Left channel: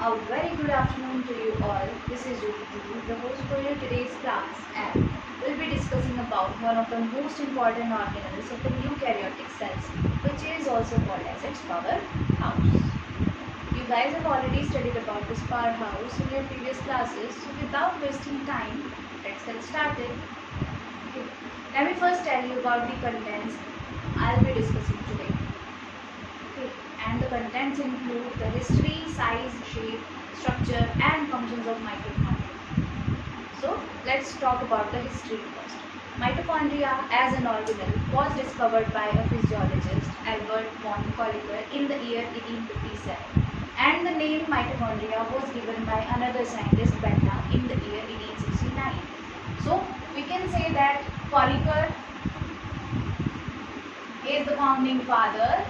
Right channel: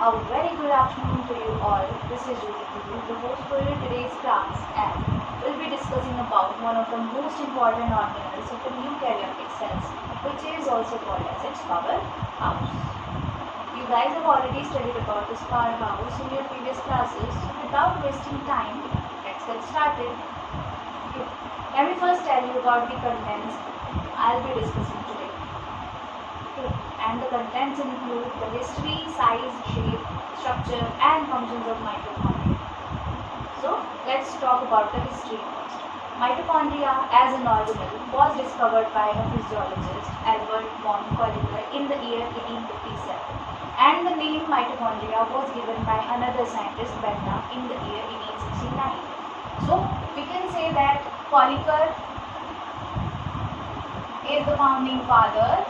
A very good afternoon to you all. This is Jyoti, the host for your today's class, and we'll be discussing about one of the most important organelles of the eukaryotic cells, which is also called as its powerhouse. You guys have already studied about this powerhouse in your previous classes, so without wasting time, let's get started. Okay. Let me first tell you about the contents I'll be discussing today. Okay. And the contents include the history, size, shape, structure and functions of mitochondria. So let's talk about the history first. Mitochondria as an organelle was discovered by a physiologist, Albert von Kolliker, in the year 1857, and the name mitochondria was given by another scientist, Benda, in the year 1869. So we can say that Kolliker is the founding father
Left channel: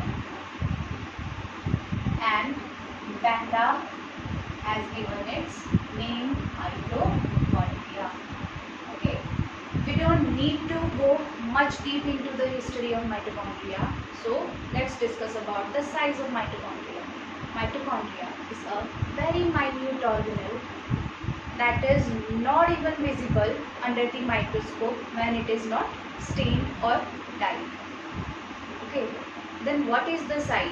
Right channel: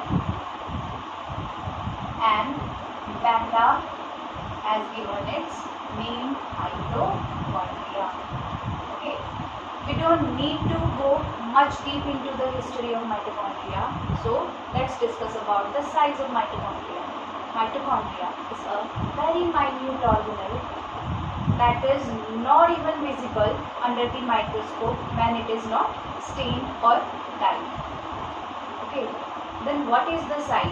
and Benda has given its name mitochondria. Okay, we don't need to go much deep into the history of mitochondria, so let's discuss about the size of mitochondria. Mitochondria is a very minute organelle that is not even visible under the microscope when it is not stained or dyed. Okay, then what is the size?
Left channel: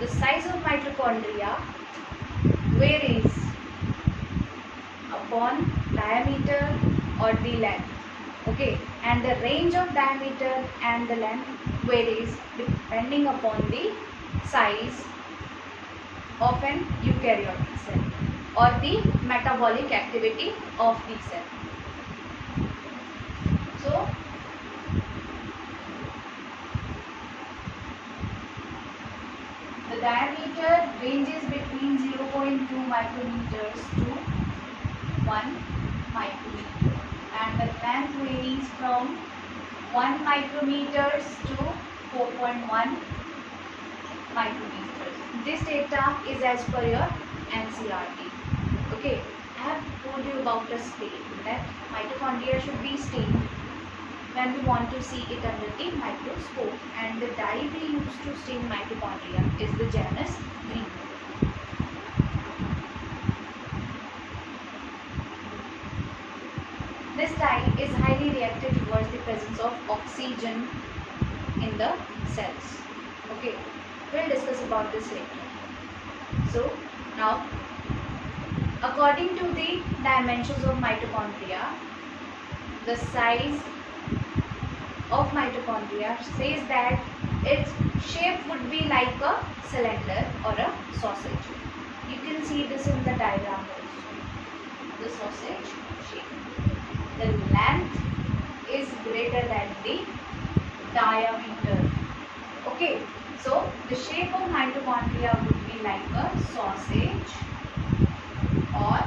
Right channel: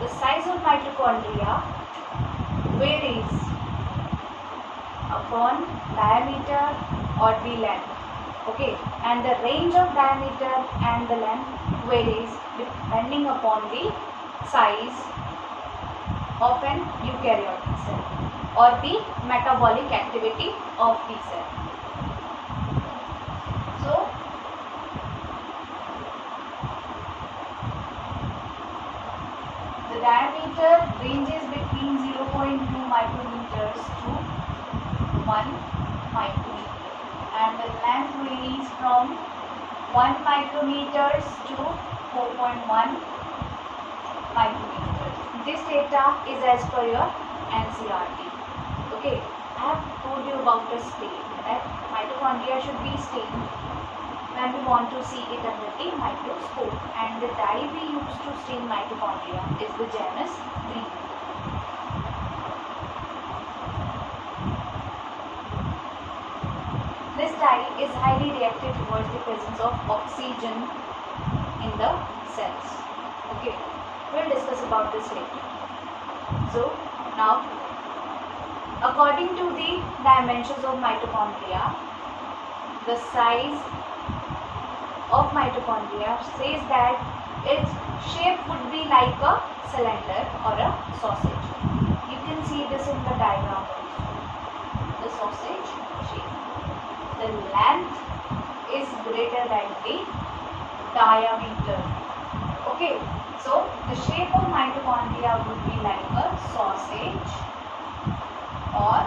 The size of mitochondria varies upon diameter or the length. Okay, and the range of diameter and the length varies depending upon the size of an eukaryotic cell or the metabolic activity of the cell. So, the diameter ranges between 0.2 micrometers to 1 micrometer, and the length varies from 1 micrometers to 4.1 micrometers. This data is as per your NCERT. Okay, I have told you about the stain, that mitochondria should be stained when we want to see it under the microscope, and the dye we use to stain mitochondria is the Janus green. This dye is highly reactive towards the presence of oxygen in the cells. Okay, we'll discuss about this later. So now, according to the dimensions of mitochondria, the size of mitochondria says that its shape would be like a cylinder or a sausage. You can see this in the diagram also. The sausage shape. The length is greater than the diameter. Okay, so the shape of mitochondria would be like a sausage or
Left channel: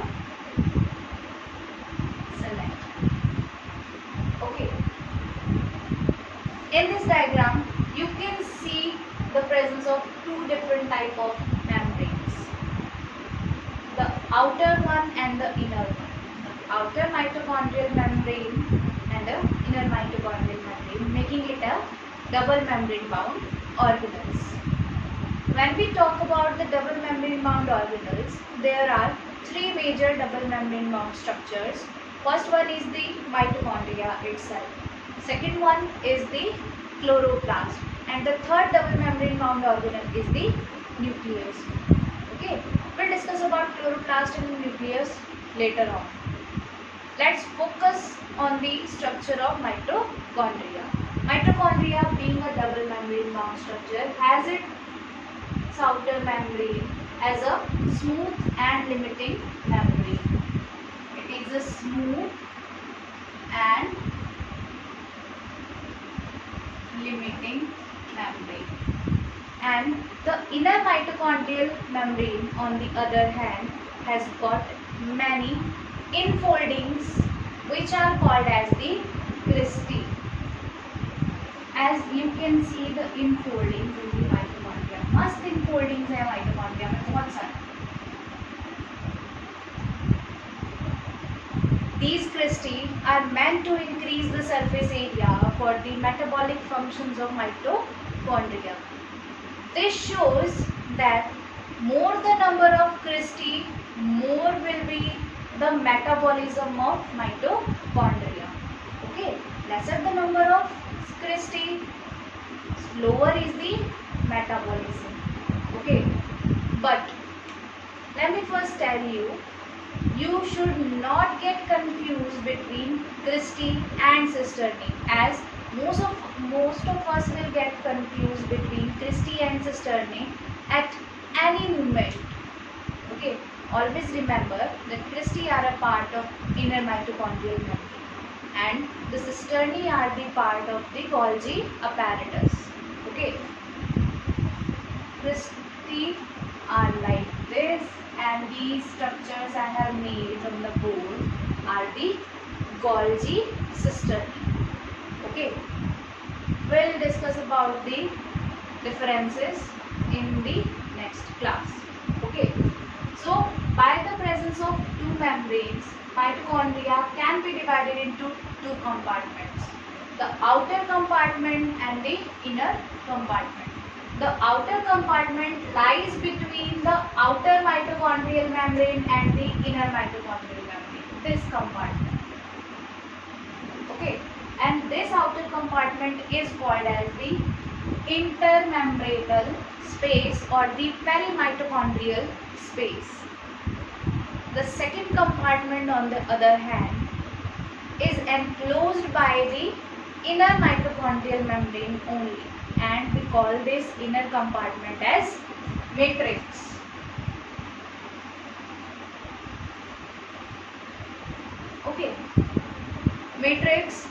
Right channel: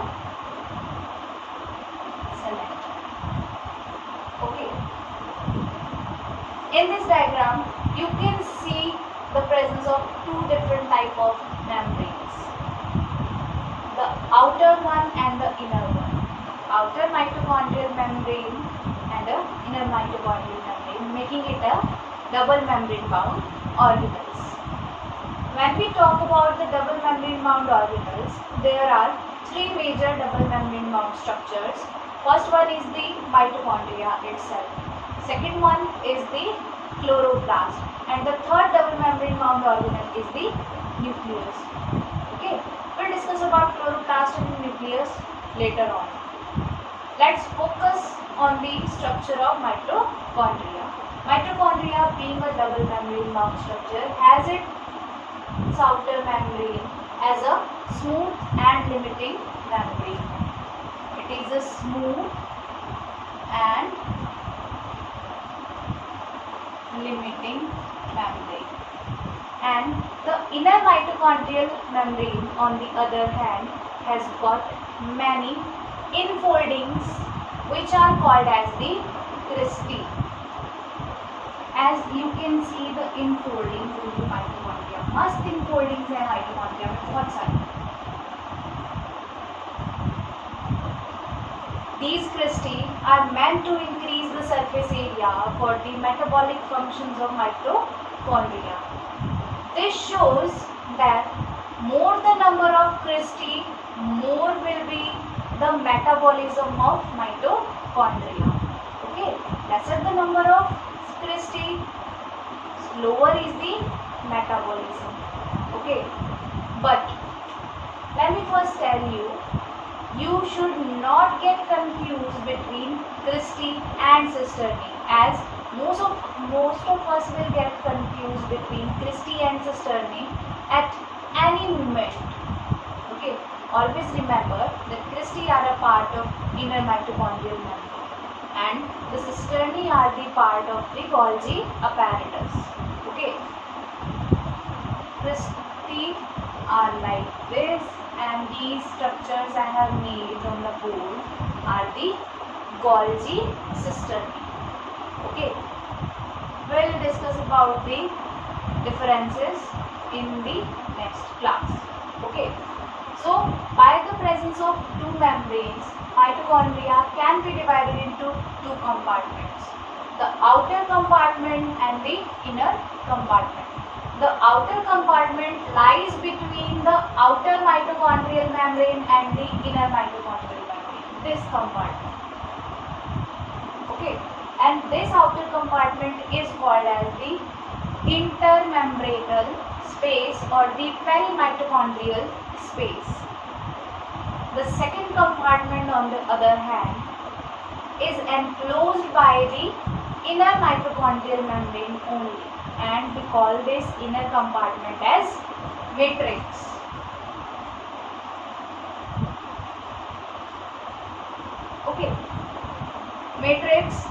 cylinder. Okay. In this diagram, you can see the presence of two different type of membranes. The outer one and the inner one. Outer mitochondrial membrane and the inner mitochondrial membrane, making it a double membrane bound organelles. When we talk about the double membrane bound organelles, there are three major double membrane bound structures. First one is the mitochondria itself. Second one is the chloroplast, and the third double membrane bound organelle is the nucleus. Okay, we'll discuss about chloroplast and nucleus later on. Let's focus on the structure of mitochondria. Mitochondria, being a double membrane bound structure, has its outer membrane as a smooth and limiting membrane. It is a smooth and limiting membrane, and the inner mitochondrial membrane on the other hand has got many infoldings which are called as the cristae. As you can see the infoldings in the mitochondria, मस्त infoldings है mitochondria में बहुत सारे. These cristae are meant to increase the surface area for the metabolic functions of mitochondria. This shows that more the number of Christie, more will be the metabolism of mitochondria. Okay, lesser the number of Christie, lower is the metabolism. Okay, but let me first tell you, you should not get confused between Christie and Cisterni, as most of us will get confused between Christie and Cisterni at any moment. Okay, always remember that Christie are a part of inner mitochondrial membrane and the Cisterni are the part of the Golgi apparatus. Okay, Christie are like this, and these structures I have made on the board are the Golgi cisterni. Okay, we'll discuss about the differences in the next class. Okay, so by the presence of two membranes, mitochondria can be divided into two compartments, the outer compartment and the inner compartment. The outer compartment lies between the outer mitochondrial membrane and the inner mitochondrial membrane, this compartment. Okay, and this outer compartment is called as the intermembranal space or the perimitochondrial space. The second compartment, on the other hand, is enclosed by the inner mitochondrial membrane only, and we call this inner compartment as matrix. Okay, matrix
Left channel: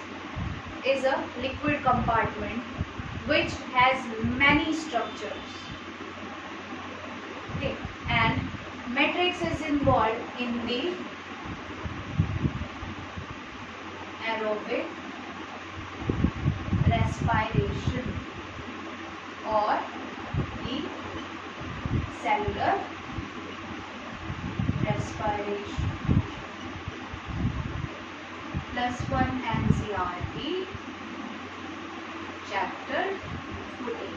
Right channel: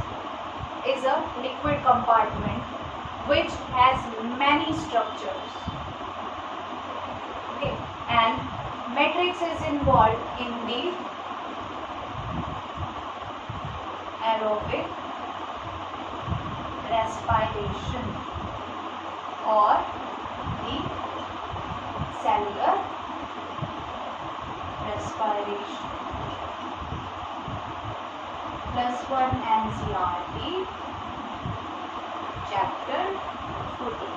is a liquid compartment which has many structures. Okay, and matrix is involved in the aerobic respiration or the cellular respiration. +1 NCERT chapter 14.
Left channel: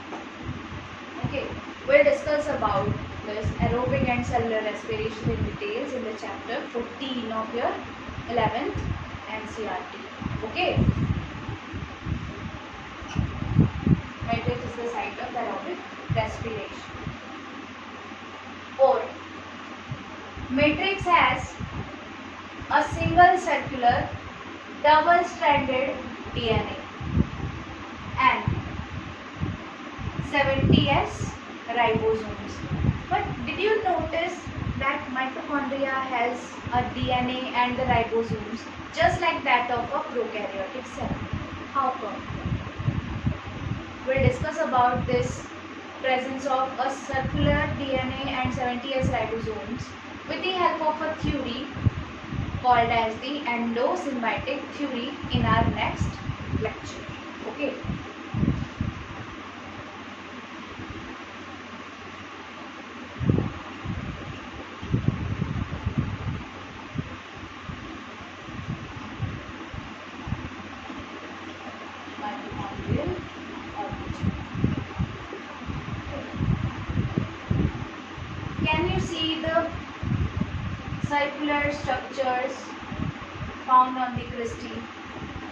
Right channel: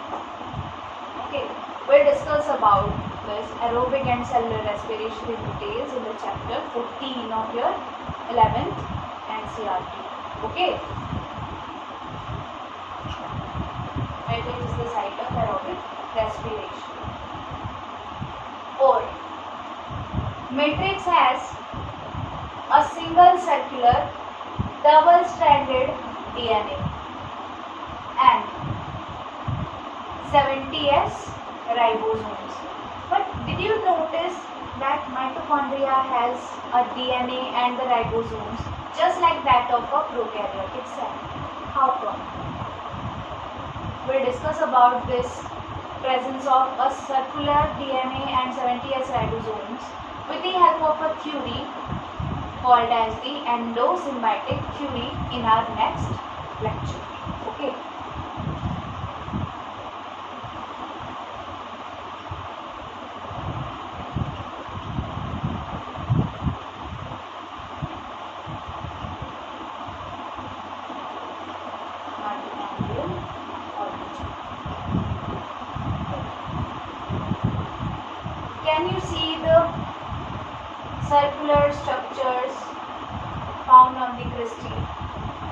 Okay, we'll discuss about this aerobic and cellular respiration in details in the chapter 14 of your 11th NCERT. Okay. Matrix is the site of aerobic respiration. Or matrix has a single circular double-stranded DNA and 70S ribosomes. But did you notice that mitochondria has a DNA and the ribosomes just like that of a prokaryotic cell? How come? We'll discuss about this presence of a circular DNA and 70S ribosomes with the help of a theory called as the endosymbiotic theory in our next lecture. Okay. Can you see the circular structures found on the Christie?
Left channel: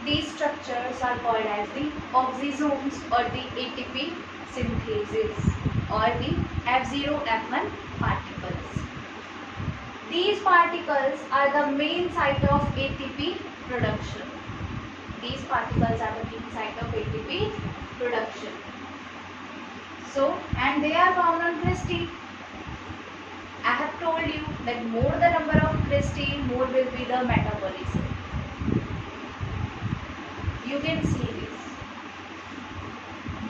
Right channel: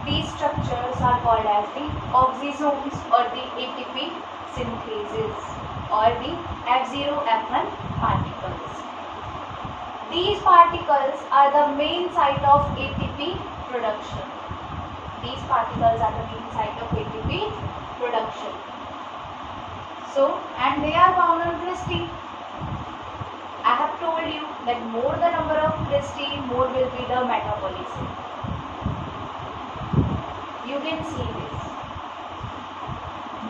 These structures are called as the oxysomes or the ATP synthases or the F0F1 particles. These particles are the main site of ATP production. These particles are the main site of ATP production. So, and they are found on Christie. I have told you that more the number of Christie, more will be the metabolism. You can see this.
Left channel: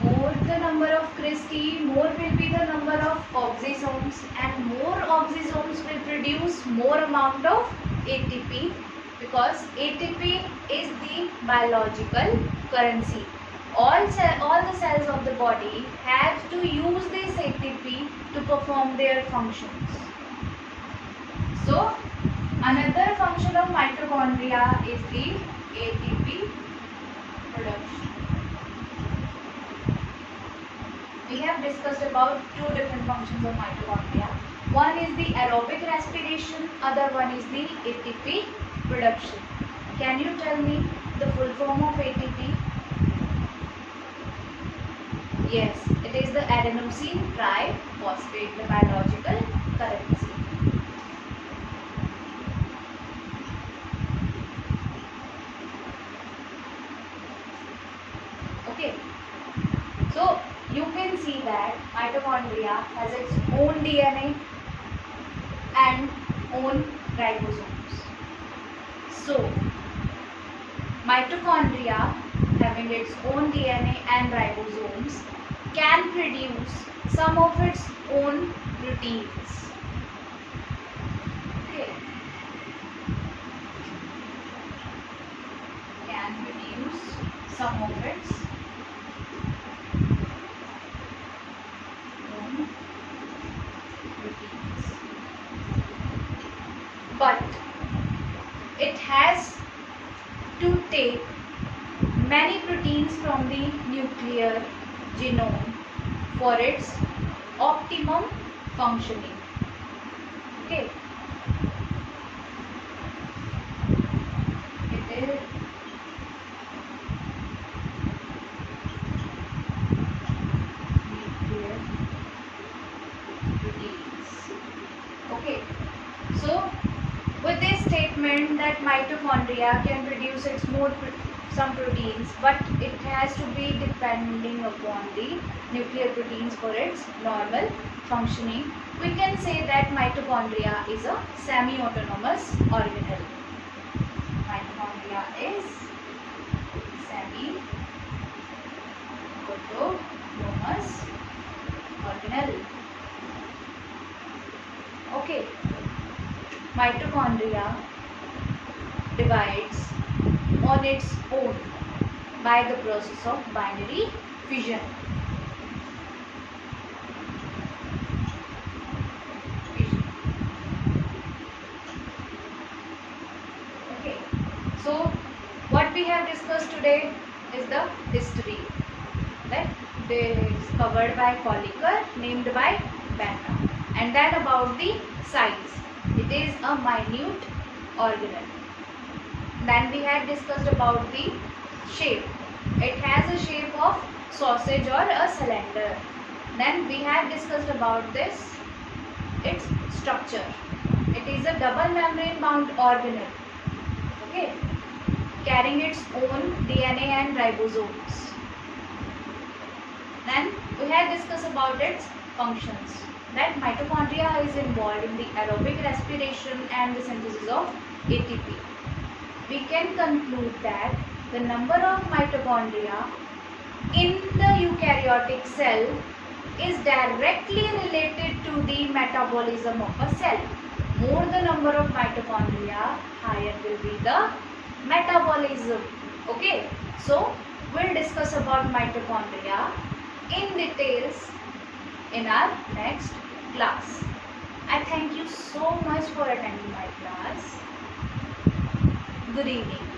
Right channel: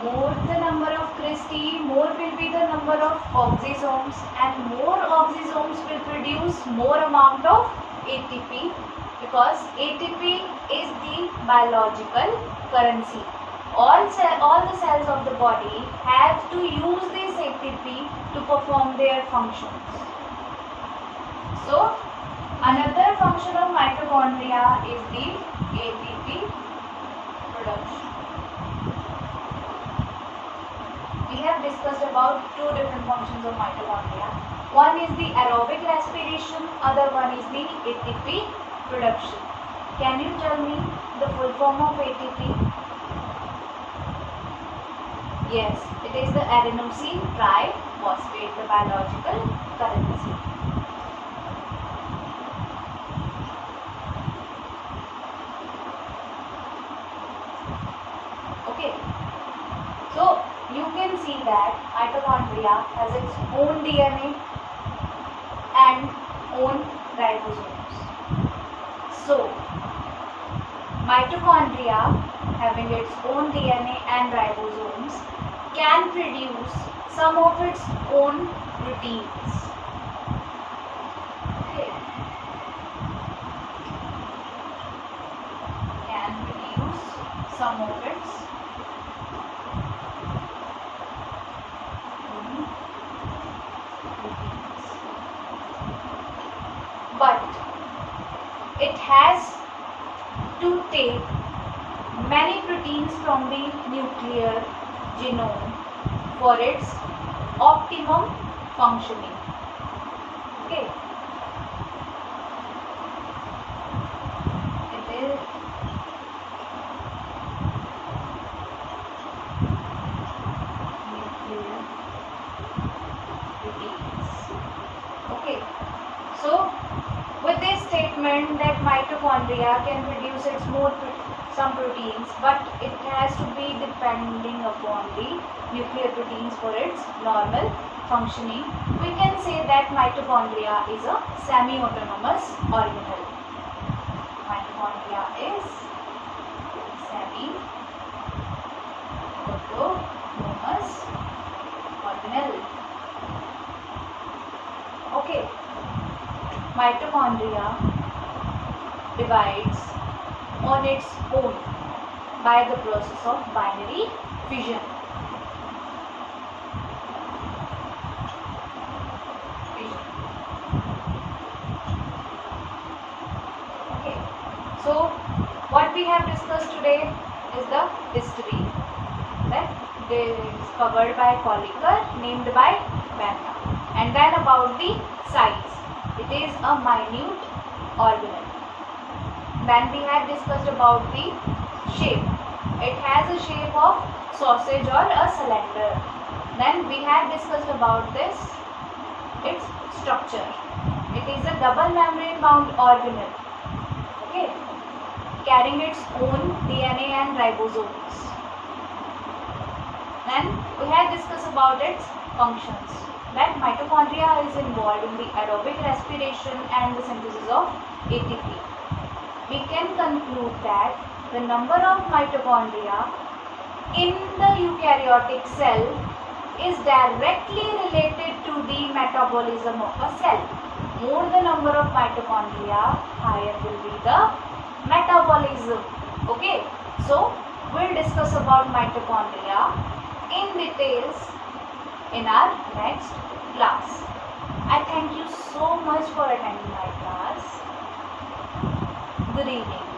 More the number of Christie, more will be the number of oxysomes, and more oxysomes will produce more amount of ATP, because ATP is the biological currency. All the cells of the body have to use this ATP to perform their functions. So, another function of mitochondria is the ATP production. we have discussed about two different functions of mitochondria. One is the aerobic respiration, other one is the ATP production. Can you tell me the full form of ATP? Yes, it is the adenosine triphosphate, the biological currency. Okay, so you can see that mitochondria has its own DNA and own ribosomes. So mitochondria having its own DNA and ribosomes can produce some of its own proteins. Okay. Can produce some of its own proteins. But it has to take many proteins from the nuclear genome for its optimum functioning. Okay. It is nuclear proteins. Okay. So with this statement that mitochondria can produce its some proteins, but it has to be depending upon the nuclear proteins for its normal functioning. We can say that mitochondria is a semi-autonomous organelle. Mitochondria is semi-autonomous organelle. Okay. Mitochondria divides on its own by the process of binary fission. Okay, so what we have discussed today is the history that is covered by Colliker, named by Banner, and then about the size. It is a minute organelle. Then we have discussed about the shape. It has a shape of sausage or a cylinder. Then we have discussed about its structure. It is a double membrane bound organelle. Okay, carrying its own DNA and ribosomes. Then we have discussed about its functions. That mitochondria is involved in the aerobic respiration and the synthesis of ATP. We can conclude that the number of mitochondria in the eukaryotic cell is directly related to the metabolism of a cell. More the number of mitochondria, higher will be the metabolism. Okay, so we'll discuss about mitochondria in details in our next class. I thank you so much for attending my class. Good evening.